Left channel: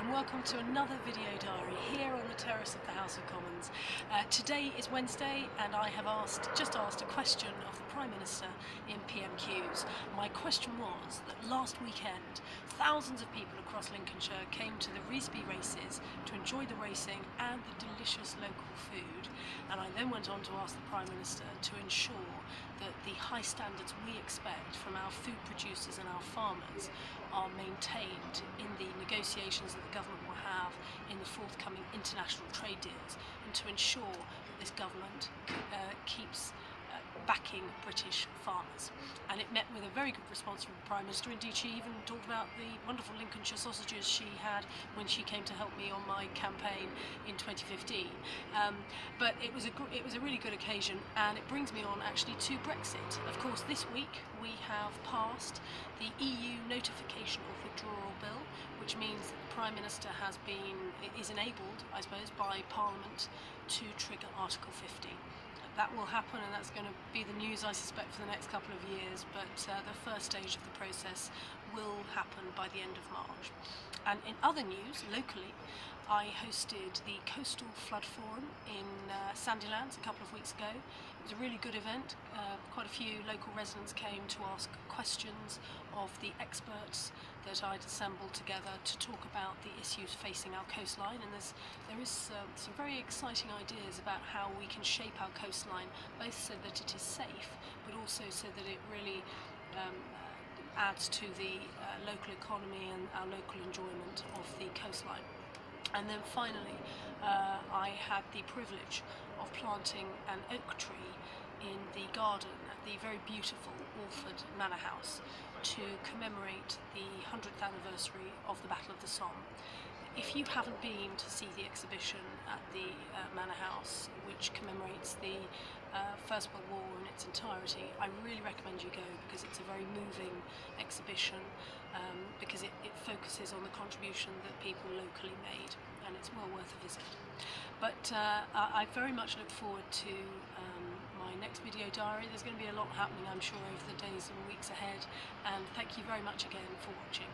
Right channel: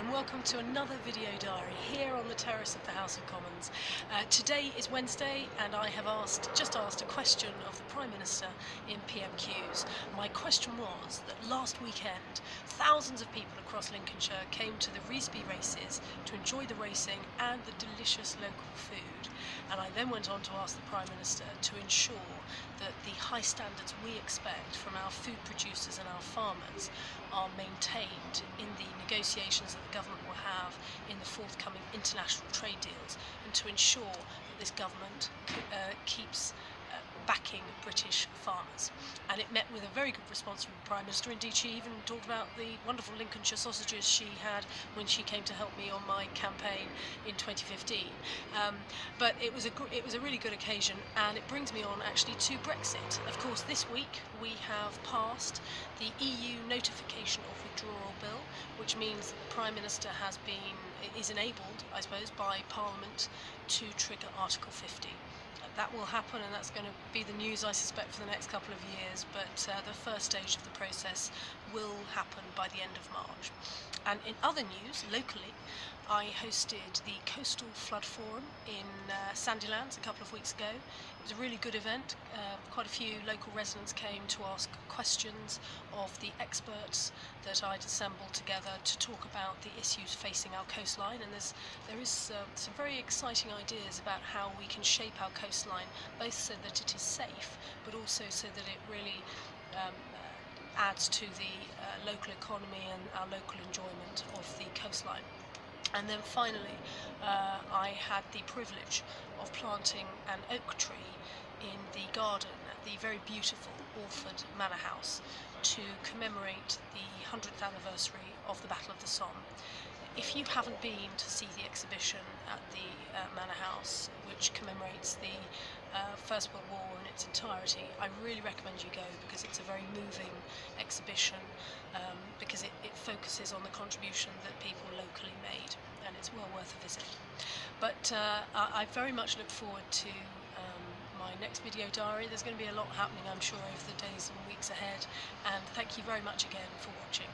and welcome to another video diary here on the terrace of the House of Commons. Today is Wednesday and I have just asked a question of the Prime Minister in PMQs. My question was that last weekend thousands of people across Lincolnshire came to the Reesby races to enjoy the racing and the delicious local food, and I then went on to ask the Prime Minister to ensure that the high standards we expect from our food producers and our farmers are maintained in the negotiations that the government will have in the forthcoming international trade deals, and to ensure that this government keeps backing British farmers. And it met with a very good response from the Prime Minister. Indeed, she even talked about the wonderful Lincolnshire sausages she had when she came to help me on my campaign in 2015. But it was a really good occasion, and it brings me on actually to Brexit. Of course, this week we have passed the EU notification of withdrawal bill, which means that the Prime Minister is enabled, I suppose, by Parliament to trigger Article 50. That will happen, and that's going to be the news, I suspect, for the next couple of years, but the first stage of the process will happen by the end of March. And in other news, locally, I hosted the Coastal Flood Forum in Sandilands a couple of weeks ago. It was a really good event. Quite a few local residents came to ask questions of the experts that I'd assembled together to talk about the issues facing our coastline, and there is some very exciting ideas about how we can shape our coastline, both so that it is safe, but also so that it really adds to the local economy and our local enjoyment of the coastline. And then finally, I had the privilege of planting an oak tree in the garden at the very beautiful Alford Manor House to commemorate the 100th anniversary of the Battle of the Somme. If you haven't been to see the exhibition at the Manor House, which commemorates the First World War in its entirety, I really recommend you go, because it's a very moving exhibition, because it focuses on the contribution that people locally made, and it's well worth a visit. But I very much look forward to my next video diary. There's going to be a lot happening, I'm sure, over the days and weeks ahead, and thank you very much again for watching.